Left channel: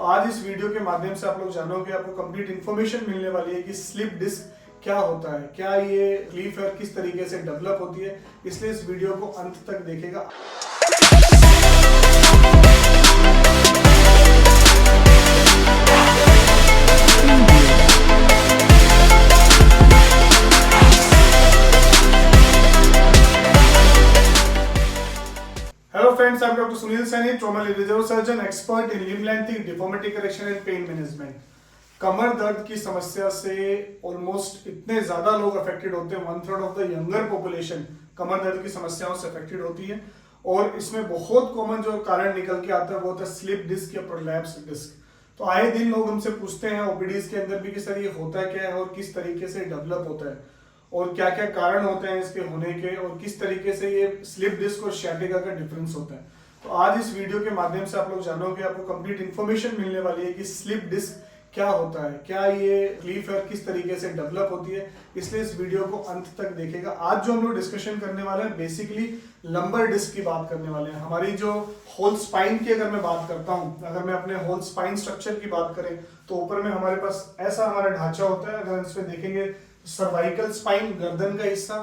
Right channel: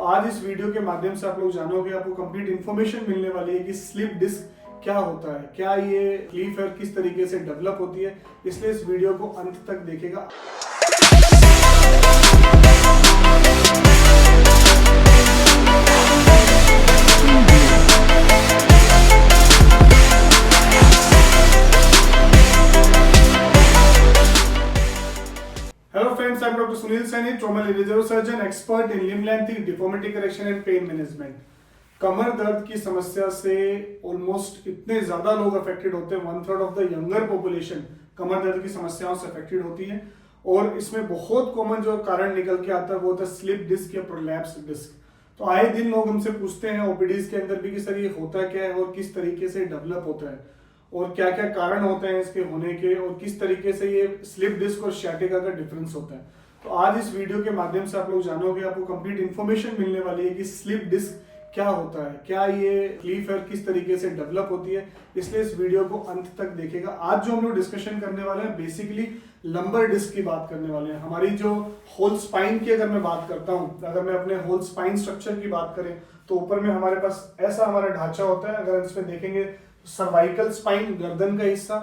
आज इस वीडियो के माध्यम से आप लोग जानोगे, आपको कंप्लीट इन्फॉर्मेशन मिलने वाली है कि स्लिप डिस्क क्या होता है, क्या ये तकलीफ है, किस तरीके से डेवलप होती है। इसलिए इस वीडियो को अंत तक देखेगा। Hello friends, I'm Dr. Sunil Saini, trauma radiology surgeon, expert in limb lengthening, deformity correction and pain management. कमर दर्द की समस्या से ऑलमोस्ट इतने ज्यादा लोग अफेक्टेड होते हैं, 1/3 ऑफ द यंगर पॉपुलेशन कमर दर्द की समस्याओं से अफेक्टेड होती है। और इसमें बहुत कॉमन जो कारण निकल के आता है वो होता है स्लिप डिस्क या प्रोलैप्स डिस्क। तो आए दिन लोग हमसे पूछते हैं ओपीडीज के अंदर भी कि सर ये होता क्या है और किस तरीके से डेवलप होता है और क्या क्या कारण होते हैं इसके होने के और किस तरीके से ये स्लिप डिस्क और सciatica का डिफरेंस होता है। तो आज इस वीडियो के माध्यम से आप लोग जानोगे, आपको कंप्लीट इन्फॉर्मेशन मिलने वाली है कि स्लिप डिस्क क्या होता है, क्या ये तकलीफ है, किस तरीके से डेवलप होती है। इसलिए इस वीडियो को अंत तक देखेगा। आज जो हम लोग डिस्कशन करने वाले हैं बेसिकली लंबर डिस्क की बात करने वाले हैं। हमारी जो होल स्पाइन की अगर मैं बात करता हूं, अगर मैं अपने होल स्पाइन स्ट्रक्चर की बात करें तो ऊपर में हमारे पास ऐसा हमारा ढांचा होता है। अगर हम इसमें देखेंगे सर्वाइकल स्पाइन गर्दन का हिस्सा,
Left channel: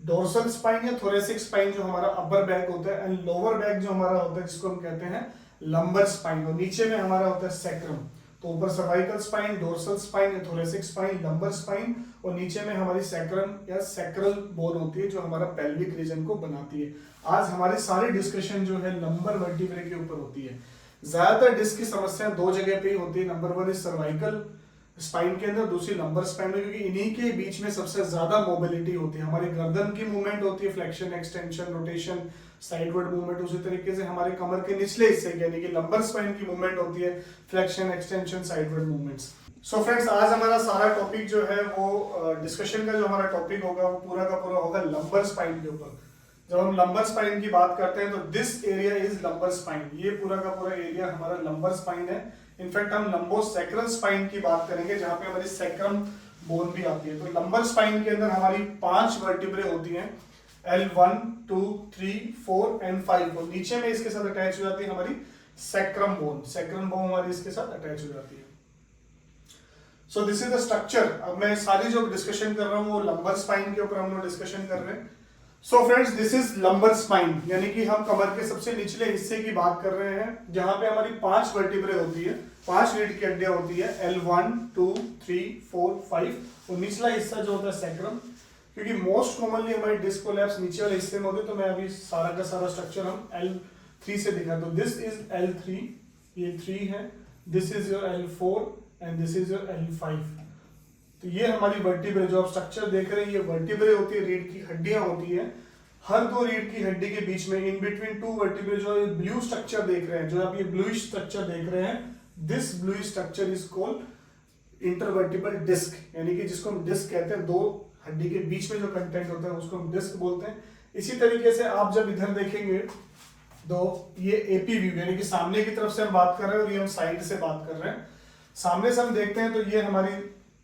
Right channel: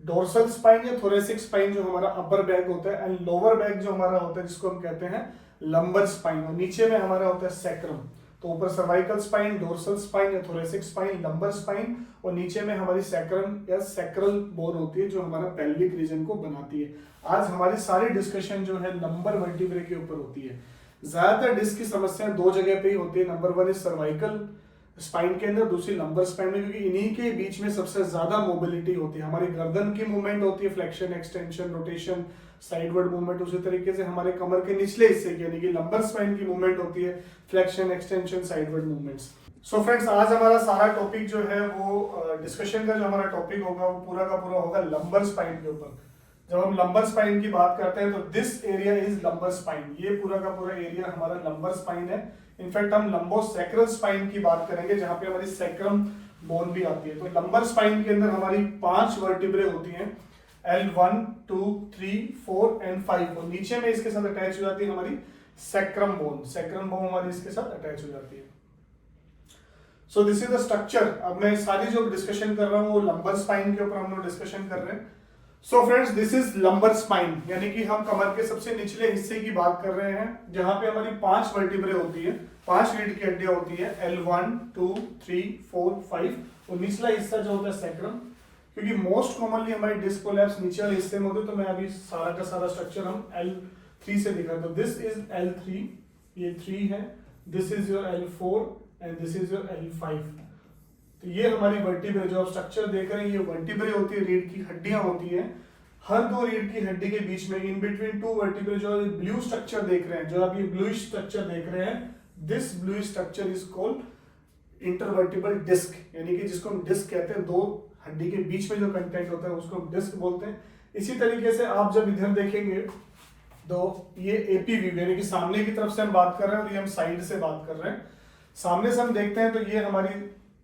डोर्सल स्पाइन या थोरेसिक स्पाइन जो हमारा अपर बैक होता है, एंड लोअर बैक जो हमारा होता है जिसको हम कहते हैं लंबर स्पाइन, और नीचे में हमारा होता है सैक्रम। तो ऊपर सर्वाइकल स्पाइन, डोर्सल स्पाइन या थोरेसिक स्पाइन, लंबर स्पाइन, और नीचे में हमारी सैक्रम या सैक्रल बोन होती है जो हमारा पेल्विक रीजन को बनाती है। आज हमारी सारी डिस्कशन जो है लंबर वर्टिब्रे के ऊपर होती है। ज्यादातर डिस्क की समस्याएं दो जगह पे ही होती है। नंबर 1 इज सर्वाइकल स्पाइन के अंदर, दूसरी लंबर स्पाइन में, क्योंकि इन्हीं के बीच में सबसे ज्यादा मोबिलिटी होती है। हमारी गर्दन की मूवमेंट होती है, flexion, extension, rotation, sideward movement. उसी तरीके से हमारे कमर के निचले हिस्से यानी कि लंबर स्पाइन की मूवमेंट होती है, flexion, extension, sideward movements. So friends, आज हमारा सारा टॉपिक जो है वो डिस्कशन का जो हमारा टॉपिक होगा वो पूरा का पूरा होगा लंबर स्पाइन के ऊपर। जब हम लंबर स्पाइन की बात करते हैं तो this area is lumbar spine. ये पूरा का पूरा एरिया हमारा लंबर स्पाइन है। इनफैक्ट हम लंबोसैक्रल स्पाइन की बात करेंगे जहां पे हमारी सैक्रम बोन भी आती है। तो लंबर स्पाइन के अंदर हमारी 5 वर्टिब्रे होती हैं, L1, 2, 3, 4 एंड 5, और नीचे में इसके साथ अटैच हो जाती है हमारी सैक्रम बोन। सैक्रम बोन हमारी इसके साथ अटैच हो जाती है। So this is the structure. अब मैं सारी जो डिस्कशन कर रहा हूं वो लंबर स्पाइन के ऊपर हम लोग डिस्कशन कर रहे हैं। So friends, this is lumbar spine, यानी कि हम कमर के सबसे निचले हिस्से की बात कर रहे हैं जहां पे हमारी 5 वर्टिब्रे होती है, 5 रीढ़ की हड्डियां होती है, L1, 2, 3, 4, 5, और निचला हिस्सा जो होता है सैक्रम। क्योंकि मोस्ट कॉमनली हमारी डिस्क कोलैप्स नीचे वाले हिस्से में होते, तो मैं अभी सारा का सारा स्ट्रक्चर हम L3 से दिखाएं। तो दिस इज L3, ये 3 है, this is your L4 and this is your L5। तो ये हमारी वर्टिब्रे जो आप स्ट्रक्चर देख रहे हैं, ये वर्टिब्रे होती है, रीढ़ की हड्डियां होती है। हर दो रीढ़ की हड्डी के बीच में इन बिटवीन 2 वर्टिब्रे जो ये ब्लू स्ट्रक्चर देख रहे हैं, जो आप ये ब्लूइश स्ट्रक्चर देख रहे हैं, this bluish structure is called intervertebral disc, यानी कि जिसको हम डिस्क कहते हैं। 2 हड्डी के बीच में जो कंटेंट होता है उसको हम डिस्क बोलते हैं। इसी तरीके से आप जब इधर देखेंगे तो ये एपी व्यू, यानी कि सामने की तरफ से हम बात कर रहे हैं और ये हम साइड से बात कर रहे हैं। सामने से हम देखते हैं तो ये हमारी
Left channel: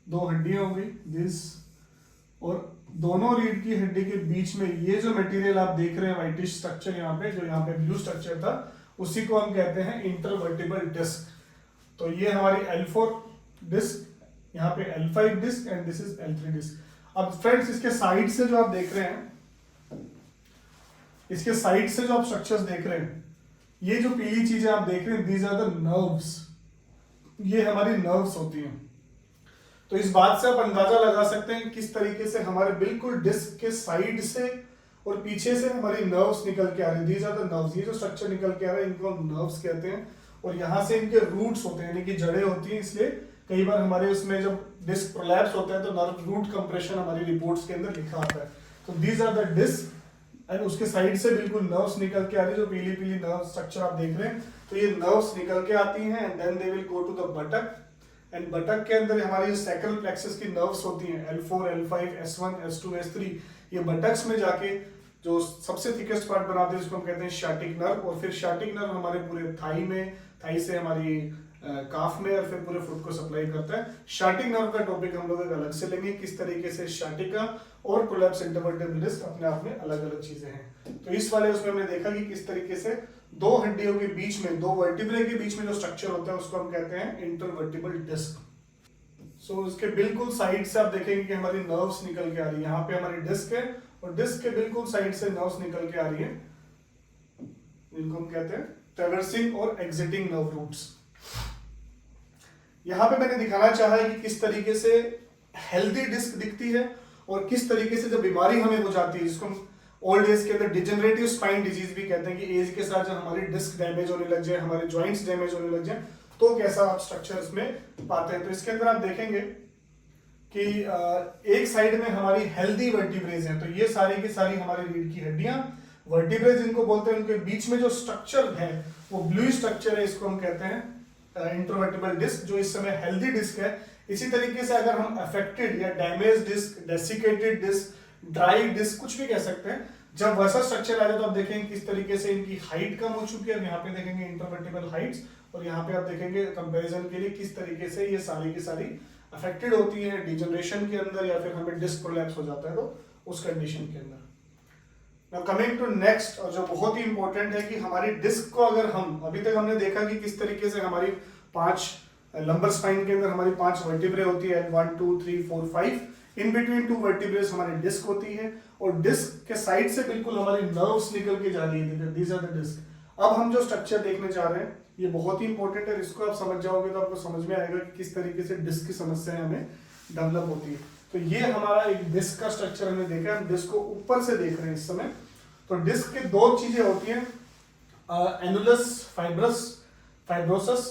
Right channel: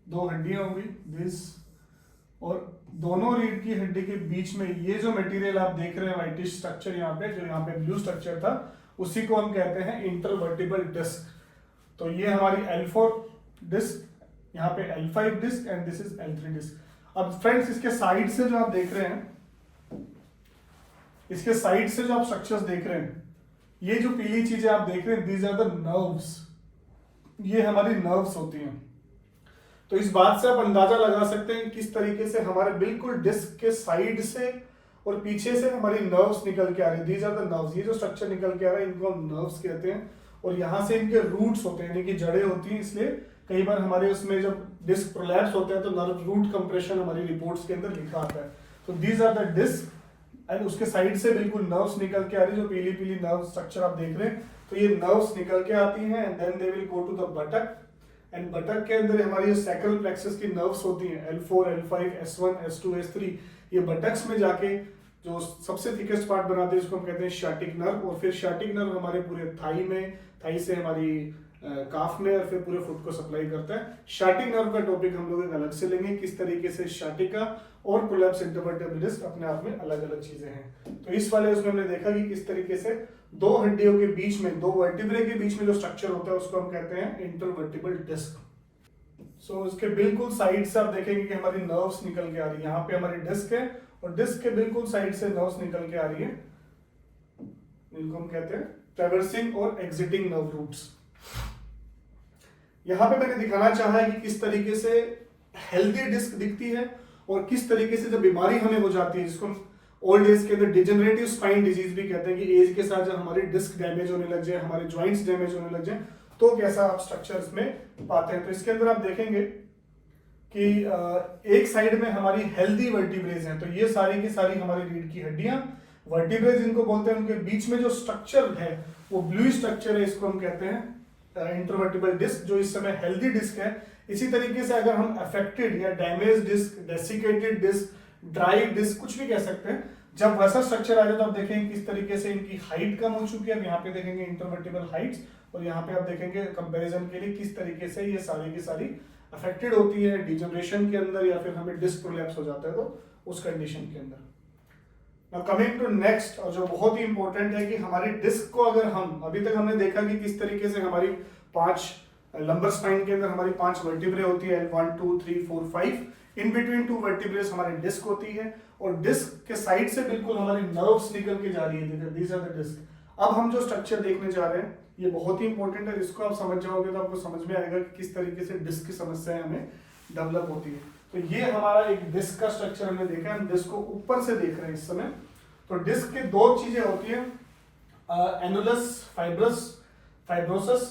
2 हड्डियां होंगी, दिस, और दोनों रीढ़ की हड्डी के बीच में ये जो मटेरियल आप देख रहे हैं व्हाइटिश स्ट्रक्चर यहाँ पे, जो यहाँ पे ब्लू स्ट्रक्चर था, उसी को हम कहते हैं इंटरवर्टिब्रल डिस्क। तो ये हमारी L4 डिस्क, यहाँ पे L5 disc and this is L3 disc. अब फ्रेंड्स, इसके साइड से जो आप देख रहे हैं, इसके साइड से जो आप स्ट्रक्चर्स देख रहे हैं, ये जो पीली चीजें आप देख रहे हैं, दीज आर द नर्व्स। ये हमारी नर्व्स होती हैं। तो इस बात से आप अंदाजा लगा सकते हैं किस तरीके से हमारे बिल्कुल डिस्क के साइड से और पीछे से हमारी नर्व्स निकल के आ रही है। These are the nerves. ये जो स्ट्रक्चर निकल के आ रहा है इनको हम नर्व्स कहते हैं, और यहाँ से इनके रूट्स होते हैं, यानी कि जड़ें होती हैं। इसलिए कई बार हमारे उसमें जब डिस्क प्रोलैप्स होता है तो नर्व रूट कंप्रेशन हमारी रिपोर्ट्स के अंदर लिखा आता है। तो these are the disc, and उसके साइड से बिल्कुल नर्व्स निकल के आ रही है, जो पीली पीली नर्व स्ट्रक्चर आप देख रहे हैं। तो ये नर्व्स निकल के आती हैं and then they will go to the buttock, and buttock के अंदर हमारी सैक्रल प्लेक्सस की नर्व्स होती हैं, L4, L5, S1, S2, S3। ये बटक्स में जाके जो सबसे थिकेस्ट पार्ट बनाते हैं इसको हम कहते हैं sciatic नर्व, और फिर sciatic नर्व हमारे पूरे थाई में, थाई से हमारी काफ में, और फिर पूरे फुट को सप्लाई करता है। sciatic नर्व का टॉपिक हम लोग एक अलग से लेंगे, किस तरीके से sciatica और प्रोलैप्स इंटरवर्टिब्रल डिस्क अपने आप में अलग अलग चीजें हैं। तो इस वाले उसमें हमने देखा कि किस तरीके से दो हड्डियों के बीच में, दो वर्टिब्रे के बीच में जो स्ट्रक्चर होता है उसको हम कहते हैं इंटरवर्टिबल डिस्क। सो इसके बिल्कुल साइड से आप देखेंगे कि हमारी नर्व्स निकल के आ रही है, यहाँ पे हमारी डिस्क है और डिस्क के बिल्कुल साइड से नर्व्स निकल के आ रही है, जिनको हम कहते हैं ट्रैवर्सिंग और एग्जिटिंग नर्व रूट्स। यहाँ पे मैंने दिखाना चाहा है कि किस तरीके से हेल्दी डिस्क दिखती है और किस तरीके से जब बीमारी हमें हो जाती है, जिसको ओल्ड एज के अंदर डिजेनरेटिव स्पाइन डिजीज भी कहते हैं, कि एज के साथ जब हमारी डिस्क डैमेज होने लग जाए, हमारे जॉइंट्स डैमेज होने लग जाए, तो कैसा आप स्ट्रक्चर इसमें पाते हैं। तो इसके अंदर आप देखेंगे कि एक साइड में हमारी हेल्दी वर्टिब्रेज है, तो ये सारी की सारी हमारी रीढ़ की हड्डियां वर्टिब्रेज इनको बोलते हैं, उनके बीच में जो स्ट्रक्चर है वो ब्लू स्ट्रक्चर है, इसको हम कहते हैं इंटरवर्टिबल डिस्क, जो इस समय हेल्दी डिस्क है। इसी तरीके से अगर हम अफेक्टेड या damage disc, desiccated disc, dry disc, कुछ भी कह सकते हैं, जब वैसा स्ट्रक्चर आ जाए तो आप देखेंगे किस तरीके से इनकी हाइट कम हो चुकी है। यहाँ पे देखेंगे इंटरवर्टिबल हाइट्स और यहाँ पे आप देखेंगे कंपैरिजन के लिए किस तरीके से ये सारी की सारी अफेक्टेड होती है डिजनरेशन के अंदर, या फिर हमें डिस्क प्रोलैप्स हो जाता है तो उस कंडीशन के अंदर। नाउ कमिंग टू नेक्स्ट, और जो बहुत ही इंपॉर्टेंट है कि हमारी डिस्क को अगर हम, अभी तक हमने देखा कि किस तरीके से हमारी 5 लंबर स्पाइन के अंदर हमारी 5 वर्टिब्रे होती है, 1 2 3 4 5, इन बिटवीन 2 वर्टिब्रेस हमारी डिस्क होती है और डिस्क के साइड से बिल्कुल हमारी नर्व्स निकल के जा रही है, दीज आर द डिस्क। अब हम जो स्ट्रक्चर देखने जा रहे हैं ये बहुत ही इंपॉर्टेंट है, इसको आप समझ जाओगे तो आपको समझ में आएगा कि किस तरीके से डिस्क की समस्याएं हमें डेवलप होती है। तो ये हमारा एक डिस्क का स्ट्रक्चर हमने देखा, हम डिस्क को ऊपर से देख रहे हैं इस समय। तो डिस्क की 2 चीजें होती हैं, एनुलस फाइब्रोसस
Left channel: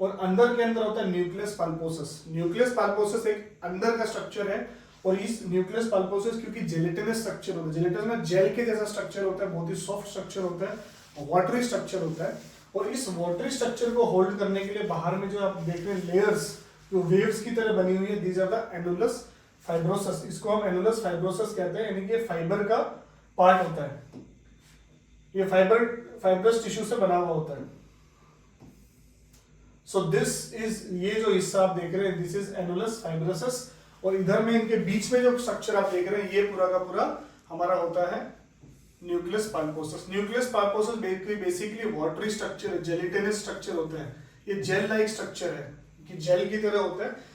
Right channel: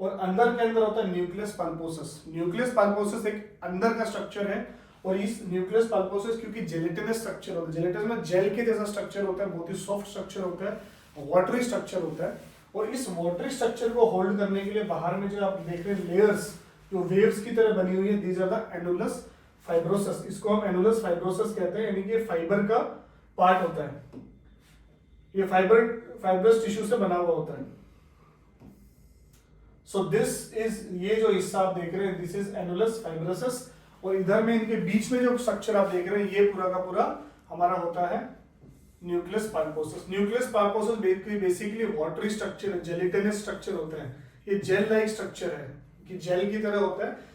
और अंदर के अंदर होता है न्यूक्लियस पल्पोसस। न्यूक्लियस पल्पोसस एक अंदर का स्ट्रक्चर है और इस न्यूक्लियस पल्पोसस क्योंकि जेलेटिनस स्ट्रक्चर होता है, जेलेटिनस में जेल के जैसा स्ट्रक्चर होता है, बहुत ही सॉफ्ट स्ट्रक्चर होता है, वाटरी स्ट्रक्चर होता है, और इस वाटरी स्ट्रक्चर को होल्ड करने के लिए बाहर में जो आप देख रहे हैं लेयर्स जो वेव्स की तरह बनी हुई है, these are the annulus fibrosus. इसको हम एनुलस फाइब्रोसस कहते हैं, यानी कि फाइबर का पार्ट होता है, ये फाइब्रस टिश्यू से बना हुआ होता है। सो दिस इज, ये जो हिस्सा आप देख रहे हैं दिस इज एनुलस फाइब्रोसस, और इधर में इनके बीच में जो स्ट्रक्चर आप देख रहे हैं ये पूरा का पूरा हमारा होता है nucleus pulposus. Nucleus pulposus basically watery structure, gelatinous structure होता है, ये जेल लाइक स्ट्रक्चर है कि जेल की तरह होता है।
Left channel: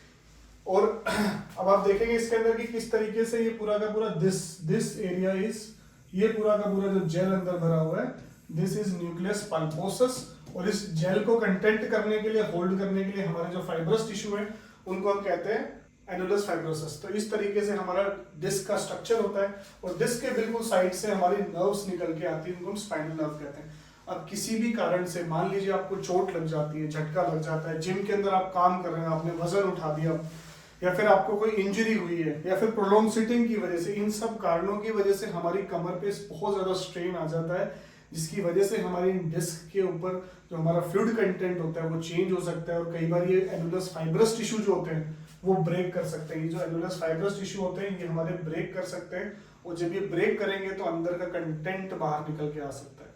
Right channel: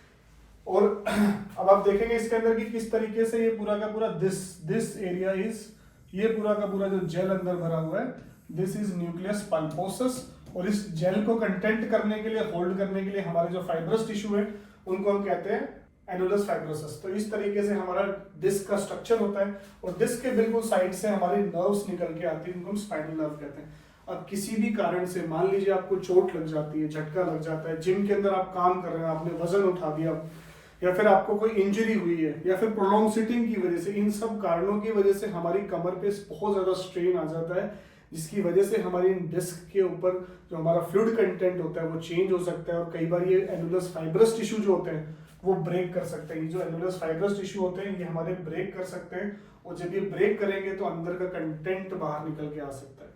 और अब आप देखेंगे इसके अंदर कि किस तरीके से ये पूरा का पूरा दिस एरिया इज, ये पूरा का पूरा जो जेल अंदर भरा हुआ है दिस इज न्यूक्लियस पल्पोसस, और इस जेल को कंटेंट करने के लिए, होल्ड करने के लिए हमारे जो फाइब्रस टिश्यू है उनको हम कहते हैं एनुलस फाइब्रोसस। तो इस तरीके से हमारा डिस्क का स्ट्रक्चर होता है और डिस्क के बिल्कुल साइड से हमारी नर्व्स निकल के आती है, उनको हम स्पाइनल नर्व कहते हैं। अब किसी भी कारण से मान लीजिए आपको चोट लग जाती है, झटका लग जाता है, जिम के अंदर आप काम कर रहे हैं, आपने वजन उठा दिया, या फिर आपको कोई इंजरी हुई है, या फिर प्रोलॉन्ग सिटिंग की वजह से, इन सब कारणों की वजह से हमारी कमर पे बहुत ज्यादा स्ट्रेन आ जाता है, जिसकी वजह से हमारी डिस्क के ऊपर जो हमारा फ्लूइड कंटेंट होता है वो चेंज हो सकता है, और कई बार ये एनुलस फाइब्रस टिश्यू जो होते हैं वो ब्रेक कर सकते हैं। ये जो एनुलस फाइब्रस टिश्यू होते हैं ये हमारे ब्रेक कर सकते हैं, और जब ये ब्रेक करेंगे तो अंदर का कंटेंट बाहर निकल के आ सकता है।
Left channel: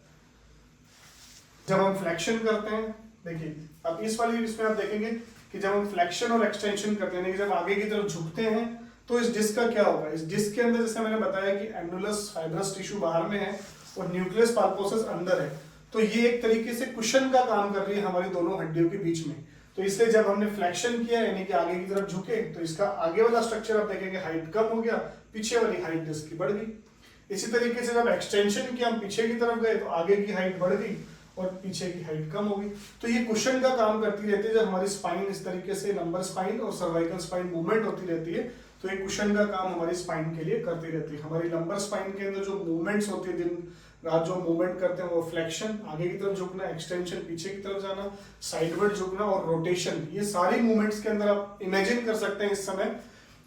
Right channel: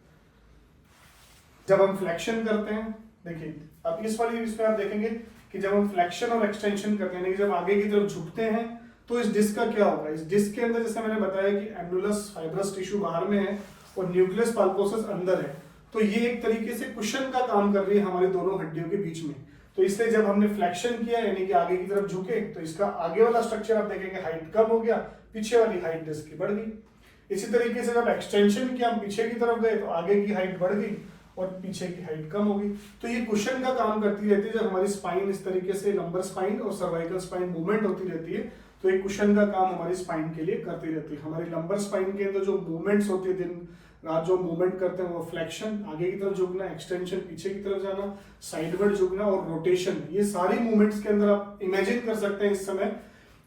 जब हम फ्लेक्शन करते हैं, देखिए अब इस वाली इसमें आप देखेंगे कि जब हम फ्लेक्शन और एक्सटेंशन करते हैं, जब आगे की तरफ झुकते हैं तो इस डिस्क का क्या होगा, इस डिस्क के अंदर जैसे मैंने बताया कि एनुलस फाइब्रस टिश्यू बाहर में है और न्यूक्लियस पल्पोसस अंदर है, तो ये एक तरीके से कुशन का काम कर रही है हमारी दोनों हड्डियों के बीच में। तो इसलिए जब हमने फ्लेक्शन किया यानी कि आगे की तरफ झुके तो इसका आगे वाला स्ट्रक्चर आप देखेंगे हाइट कम हो गया, पीछे वाली हाइट डिस्क की बढ़ गई। इसी तरीके से जब एक्सटेंशन किया, हम पीछे की तरफ गए तो आगे की हाइट बढ़ गई और पीछे की हाइट कम हो गई। तो ये कुशन का काम करती रहती है, जब हमारी स्पाइन इस तरीके से लंबर स्पाइन और सर्वाइकल स्पाइन मूवमेंट होती रहती है तो ये कुशन का काम हमारी स्पाइन के लिए करती रहती है। हमारी लंबर स्पाइन के अंदर जो मूवमेंट्स होती है, दिन रात जो मूवमेंट करते हैं वो फ्लेक्शन आगे की तरफ झुकना, एक्सटेंशन पीछे की तरफ जाना, साइडवर्ड झुकना और रोटेशन, ये सारी मूवमेंट्स के अंदर आप इमेजिन कर सकते हैं इस समय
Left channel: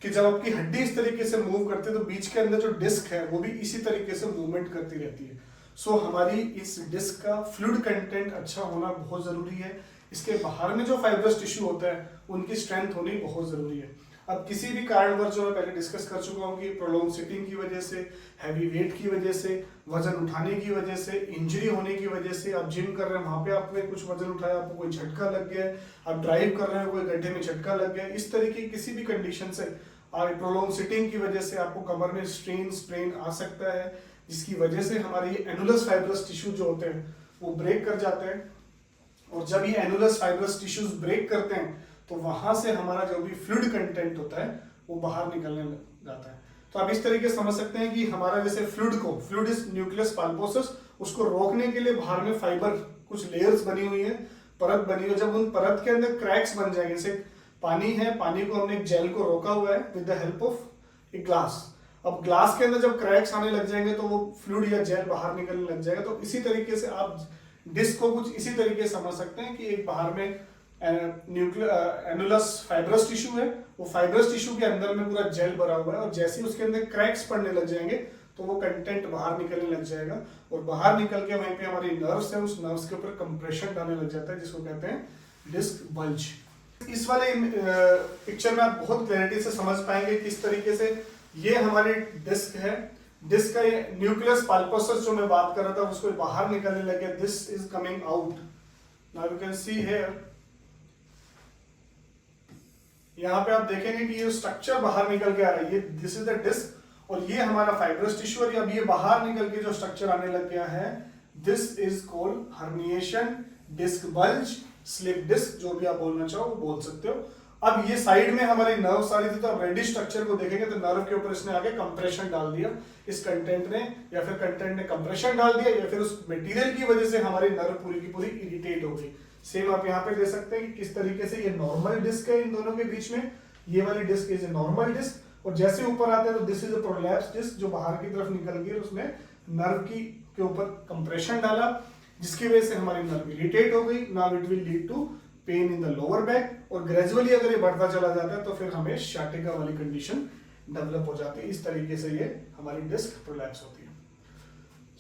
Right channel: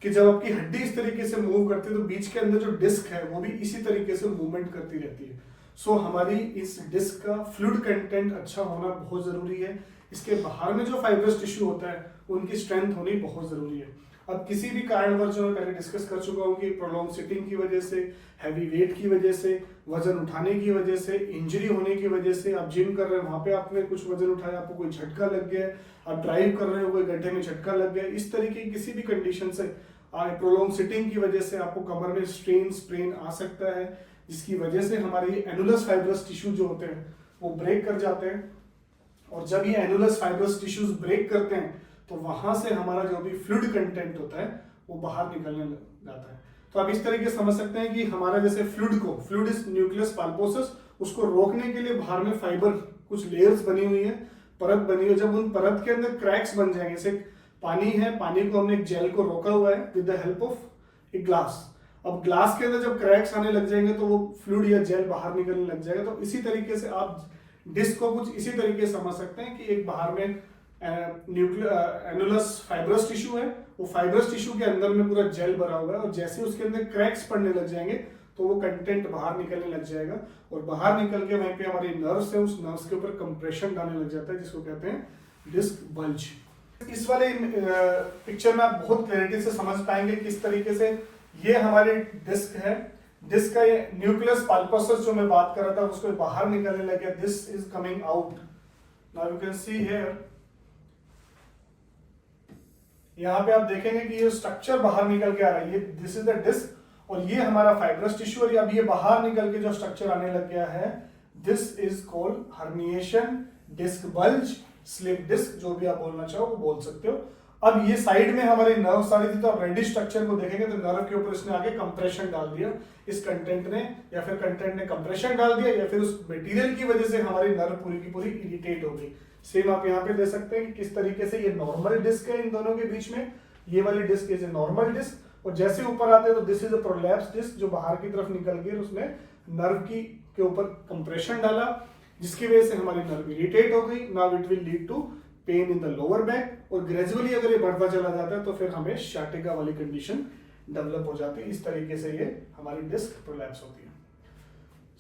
कि जब आपकी हड्डी इस तरीके से मूव करती है तो बीच के अंदर जो डिस्क है वो भी इसी तरीके से मूवमेंट करती रहती है। सो हमारी इस डिस्क का फ्लूइड कंटेंट अच्छा होना बहुत जरूरी है। इसके बाहर में जो फाइब्रस टिश्यू होता है उनकी स्ट्रेंथ होनी बहुत जरूरी है। अब किसी भी कारणवश जो मैं पहले डिस्कस कर चुका हूँ कि प्रोलॉन्ग सिटिंग की वजह से, हैवी वेट की वजह से, वजन उठाने की वजह से, इंजरी होने की वजह से, आप जिम कर रहे हैं वहां पे आपने कुछ वजन उठाया, आपको कोई झटका लग गया, आप ड्राइव कर रहे हो कोई गड्ढे में झटका लग गया, इस तरीके की किसी भी कंडीशन से प्रोलॉन्ग सिटिंग की वजह से आपको कमर में स्ट्रेन आ सकता है, जिसकी वजह से हमारी एनुलस फाइब्रस टिश्यू जो होते हैं वो ब्रेक कर जाते हैं, और जब ये एनुलस फाइब्रस टिश्यूज ब्रेक करते हैं तो वहां से हमारा जो भी फ्लूइड कंटेंट होता है वो बाहर निकलने लग जाता है। तो आप इस तरीके से समझ सकते हैं कि हमारा जैसे फ्लूइड इज न्यूक्लियस पल्पोसस, उसको रोकने के लिए बाहर में फाइबर कुछ लेयर्स बनी हुई है, परत बनी हुई है। जब उन परत के अंदर क्रैक्स बन जाएंगे, जैसे पानी है, पानी को हमने एक जेल को रोका हुआ है विद द हेल्प ऑफ एक ग्लास। अब ग्लास के अंदर जब क्रैक्स आने लग जाएंगे तो वो फ्लूइड या जेल बाहर निकलने लग जाएगा। तो इसी तरीके से आप डिस्क को कुछ इसी तरीके से समझ सकते हैं कि एक बाहर में एनुलस फाइब्रस टिश्यू है, वो फाइब्रस टिश्यू के अंदर में पूरा जेल भरा हुआ है, और जैसे ही उसके अंदर क्रैक्स पड़ने लग जाएंगे तो वो कंटेंट बाहर निकलने लग जाएगा, और बाहर निकल के वहीं पे हमारी नर्व्स है, उस नर्व्स के ऊपर कंप्रेशन डालने लग जाता है, जिसको कहते हैं डिस्क बल्ज। इस वाले पिक्चर में आप बहुत क्लैरिटी से समझ पाएंगे किस तरीके से ये हमारी डिस्क है। डिस्क का ये न्यूक्लियस पल्पोसस जो मैं बात कर रहा था उसको बाहर निकलने लग गया, this is coming out. Now you can see here, यहाँ पे आप देखेंगे कि ये स्ट्रक्चर बाहर निकल के आ रहा है, ये दिस इज द डिस्क, और ये हमारा फाइब्रस टिश्यू, और अब ये बाहर निकल के जो स्ट्रक्चर आने लग गया है, this is called herniation, disc bulge, slip disc, जो भी आप बोलना चाहो वो बोल सकते हो। अब ये साइड में हमारी नर्व्स आ रही थी, तो आप रेडिश स्ट्रक्चर को देखेंगे तो नर्व के ऊपर इसने आगे कंप्रेशन डाल दिया, इस कंटेंट ने, या फिर कंटेंट ने कंप्रेशन डाल दिया, या फिर उस मटेरियल की वजह से हमारी नर्व पूरी की पूरी इरिटेट हो गई। सेम आप यहाँ पे दे सकते हैं कि किस तरीके से ये नॉर्मल डिस्क है इन दोनों के बीच में, ये वाली disc is a normal disc, और जैसे ऊपर आते हैं तो this is a prolapse disc जो बाहर की तरफ निकल गई, उसने नर्व की के ऊपर कंप्रेशन डाला, जिसकी वजह से हमारी नर्व इरिटेट हो गई। Now it will lead to pain in the lower back, और ग्रेजुअली अगर ये बढ़ता चला जाता है तो फिर हमें शाटिका वाली कंडीशन डेवलप हो जाती है। इस तरीके से ये हमारी डिस्क प्रोलैप्स होती है।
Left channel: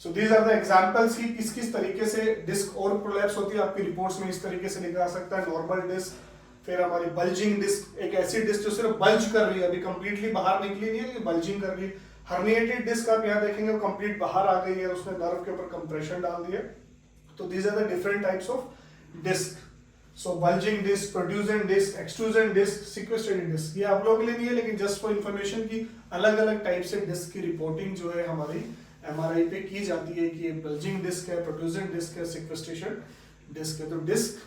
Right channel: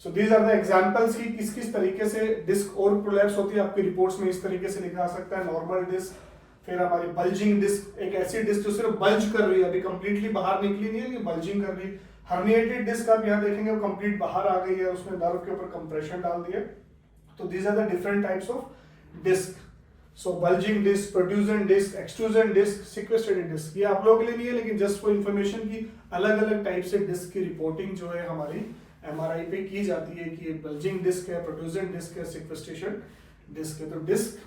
So these are the examples की किस किस तरीके से डिस्क और प्रोलैप्स होती है। आपकी रिपोर्ट्स में इस तरीके से लिखा सकता है, नॉर्मल डिस्क, फिर हमारी बल्जिंग डिस्क, एक ऐसी डिस्क जो सिर्फ बल्ज कर रही है, अभी कंप्लीटली बाहर निकली नहीं है लेकिन बल्जिंग कर रही है। हर्निएटेड डिस्क आप यहाँ देखेंगे वो कंप्लीट बाहर आ गई है, उसने नर्व के ऊपर कंप्रेशन डाल दिया। तो these are the different types of disc. So bulging disc, protrusion disc, extrusion disc, sequestrated disc, ये आप लोगों के लिए नहीं है लेकिन जस्ट फॉर इंफॉर्मेशन की अलग अलग टाइप से डिस्क की रिपोर्टिंग जो है हमारी एमआरआई पे की जाती है कि ये बल्जिंग डिस्क है, प्रोट्रूजन डिस्क है, सिक्वेस्ट्रेशन डिस्क है। तो disc,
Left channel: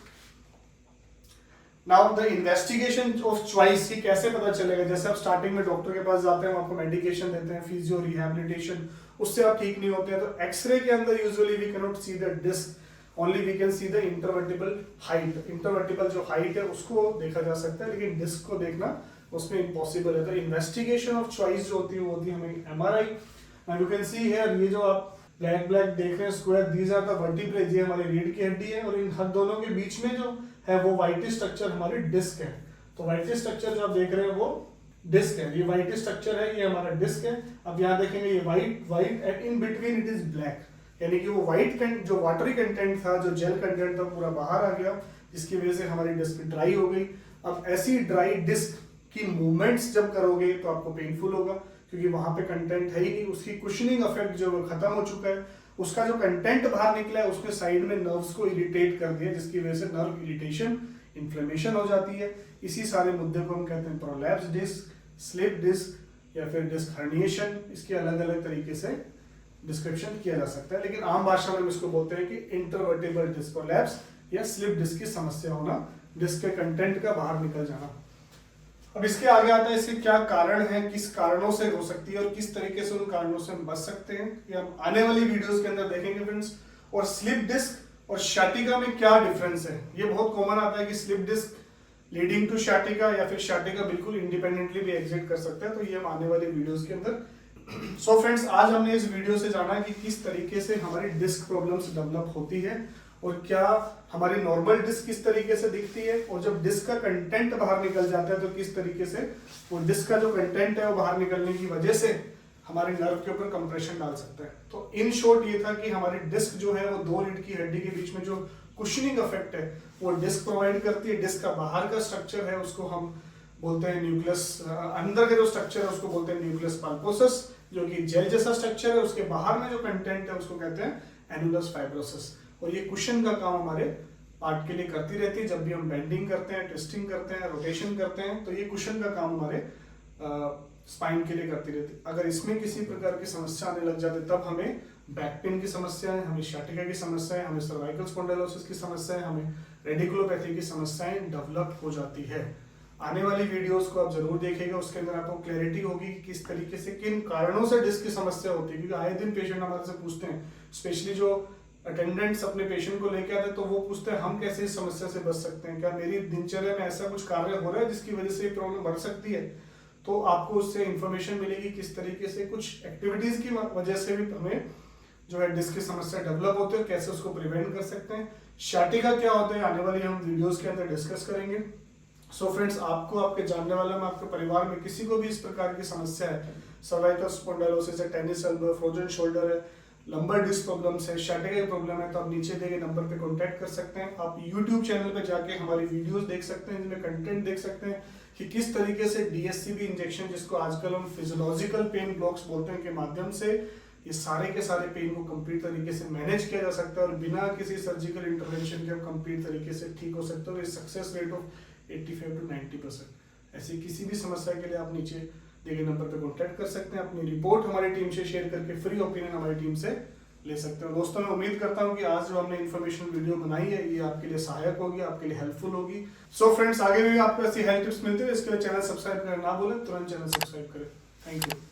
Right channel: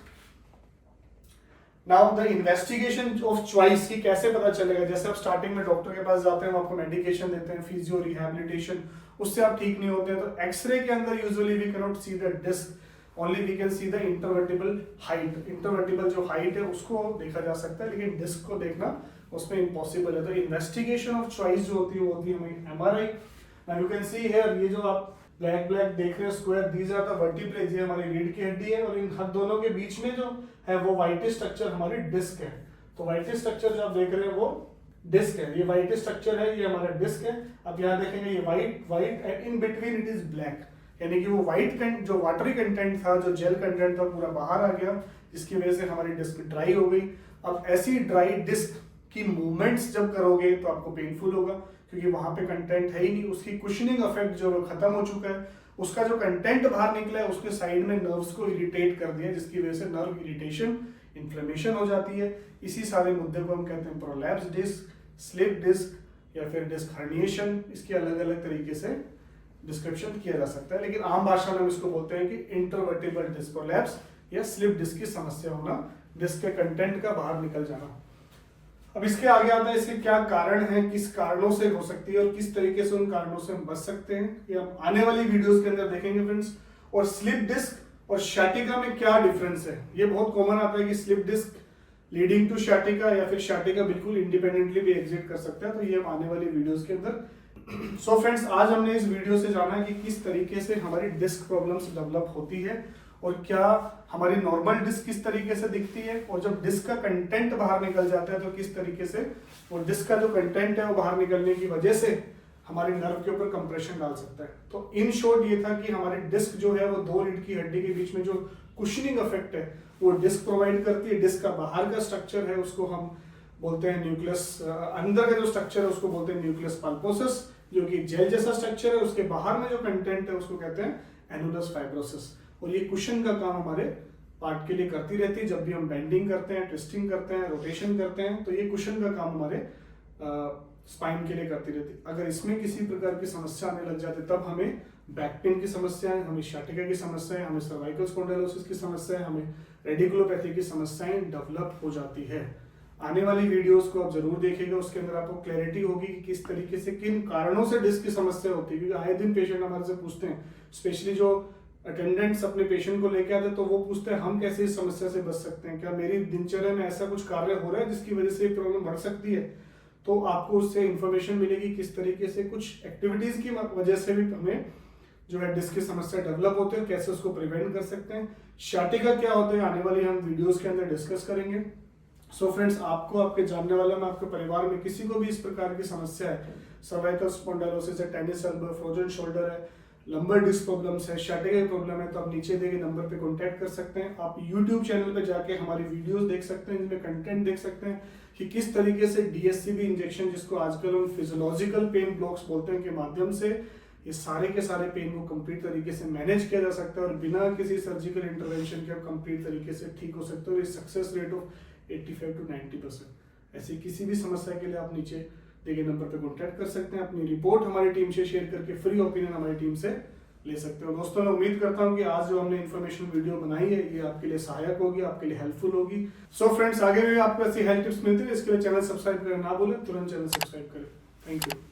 now the investigation of choice की कैसे पता चलेगा। जैसे आप स्टार्टिंग में डॉक्टर के पास जाते हैं, वो आपको मेडिकेशन देते हैं, फिजियो रिहैबिलिटेशन, उससे आप ठीक नहीं होते हैं, तो एक्सरे के अंदर usually we can not see the disc, only we can see the intervertebral height. Intervertebral जो हाइट है उसको देखा जा सकता है, लेकिन डिस्क को देखना उसमें इम्पॉसिबल है। तो इन्वेस्टिगेशन ऑफ चॉइस जो होती है वो होती है हमारी MRI. Now you can see here, ये जो आप ब्लैक ब्लैक देख रहे हैं square, these are the vertebrae, ये हमारी रीढ़ की हड्डी है, और इन हर दोनों के बीच में जो है वो वाइट स्ट्रक्चर हमारी डिस्क है। तो वाइट स्ट्रक्चर जो आप देख रहे हैं वो डिस्क है, ये वाइट स्ट्रक्चर है, ये हमारा डिस्क है। अब यहाँ देखेंगे ये white and in between it is black, यानी कि वो वाइट जो वाटरी कंटेंट था, जो जेल कंटेंट था, पूरा बाहर आ गया, जिसकी वजह से हमारी डिस्क ड्राई हो गई। अब ऐसी ड्राई डिस्क की मूवमेंट्स जब करोगे तो आपको पेनफुल होगा, क्योंकि वहां पे कंटेंट है ही नहीं, उसकी कुशनिंग इफेक्ट जो खत्म हो चुका है, उसका जो कंटेंट बाहर निकला है उसने साइड में नर्व्स को इरिटेट कर दिया, जिसकी वजह से नर्व इरिटेशन, इन्फ्लेमेशन हो जाती है। इसी सारे मुद्दे को हम कहते हैं प्रोलैप्स डिस्क, स्लिप डिस्क या फिर डिस्क हर्निएशन। इसके अलग अलग तरीके से डिस्क्रिप्शन किया जा सकता है, लेकिन आम भाषा में हम इसको बोलते हैं कि इंटरवर्टिबल डिस्क प्रोलैप्स या स्लिप डिस्क की समस्या होना, डिस्क के कंटेंट का बाहर निकल जाना। अब इसके आगे आता है इसके क्या कारण हैं, किस कारणों से हो सकती है और किस तरीके से उन कारणों से हम बच सकते हैं, ये हम आने वाली वीडियोस के अंदर देखेंगे फ्रेंड्स। और स्लिप डिस्क और शाटिका में क्या डिफरेंस है, ये बहुत कॉमन आता है कि स्लिप डिस्क लीडिंग टू शाटिका या फिर शाटिका बिल्कुल इंडिपेंडेंटली भी एग्जिट कर सकता है, तो ये हम आने वाली वीडियोस के अंदर। सो फ्रेंड्स, आज हमने इस वीडियो से जाना कि किस तरीके से हमारी डिस्क प्रॉब्लम्स डेवलप होती है और क्या हमारी नॉर्मल डिस्क किस तरीके से दिखती है, और जब डिस्क का कंटेंट बाहर निकल जाता है तो किस तरीके से वो डिस्क का जो कंटेंट है वो बाहर निकलने की वजह से हमारे नर्व के ऊपर कंप्रेशन डाल सकता है। तो इन शॉर्ट ये था कि हमारी डिस्क जो है वो दो रीढ़ की हड्डी के बीच में जो कुशनिंग इफेक्ट है वो डिस्क प्रोवाइड करती है। डिस्क का बाहर का स्ट्रक्चर है उसको हम बोलते हैं न्यूक्लियस, अंदर का जो स्ट्रक्चर है उसको बोलते हैं न्यूक्लियस पल्पोसस, जो कि जेल जैसा स्ट्रक्चर है। उसके बाहर में जो कंटेंट है उसको कहते हैं एनुलस फाइब्रोसिस, और ये कुशन का काम हमारे पार्ट के लिए करती रहती है। जब भी हम बेंडिंग करते हैं, ट्विस्टिंग करते हैं, रोटेशन करते हैं, तो ये कुशन का काम हमारे स्पाइन के लिए करती रहती है। अगर इसमें किसी प्रकार की समस्या आने लग जाती है तब हमें बैक पेन की समस्या है, हमें शाटिका की समस्या है, हमें सर्वाइकल स्पॉन्डिलोसिस की समस्या है, हमें रेडिकुलोपैथी की समस्याएं डेवलप हो जाती है। आने वाली वीडियोस को आप जरूर देखिएगा, उसके अंदर आपको क्लैरिटी होगी कि किस तरीके से किन कारणों से डिस्क की समस्या होती है। क्योंकि आए दिन पेशेंट हमारे से पूछते हैं, स्पेशली जो अटेंडेंट्स अपने पेशेंट को लेके आते हैं, तो वो पूछते हैं हम कैसे इस समस्या से बच सकते हैं, क्या मेरी दिनचर्या में ऐसा कुछ कार्य हो रहा है जिसकी वजह से ये प्रॉब्लम बढ़ सकती है। तो आपको उससे इंफॉर्मेशन मिलेगी किस तरीके से कुछ एक्टिविटीज की वजह से भी हमें जो है डिस्क की समस्या डेवलप होती है, कैसे उसको प्रिवेंट कर सकते हैं। शाटिका क्या होता है आने वाली हम वीडियोस के अंदर डिस्कस करेंगे। सो फ्रेंड्स, आपको आपके जानने वाले में आपके परिवार में किसी को भी इस प्रकार की समस्या है, सर्वाइकल स्पॉन्डिलोसिस है, टेनिस एल्बो, फ्रोजन शोल्डर है, लंबर डिस्क प्रॉब्लम्स है, शाटिका की प्रॉब्लम है, तो आप नीचे दिए गए नंबर पे कांटेक्ट कर सकते हैं। आप यूट्यूब चैनल पे जाके हमारी वीडियोस देख सकते हैं, जिसमें कंटेंट देख सकते हैं कि किस तरीके से डीएससीबी इंजेक्शन, जिसको आजकल हम फिजियोलॉजिकल पेन ब्लॉक्स बोलते हैं, के माध्यम से ये सारे के सारे पेन को कंप्लीट तरीके से मैनेज किया जा सकता है और बिना किसी सर्जिकल इंटरवेंशन के कंप्लीट तरीके से ठीक हो सकता है। और ये सक्सेस रेट ऑफ 85 to 90%। ऐसी किसी भी समस्या के लिए आप नीचे दिए गए नंबर पर कांटेक्ट कर सकते हैं। अपनी रिपोर्ट हमारी टीम से शेयर करके फ्री ओपिनियन हमारी टीम से ले सकते हैं। दोस्तों, मैं उम्मीद करता हूं कि आज जो हमने इन्फॉर्मेशन वीडियो बनाई है ये आपके लिए सहायक होगी, आपके लिए हेल्पफुल होगी। सो फ्रेंड्स, आगे भी आपको ऐसी हेल्प टिप्स मिलती है, इसके लिए चैनल सब्सक्राइब करना ना भूलें, तुरंत चैनल सब्सक्राइब करें। Thank you.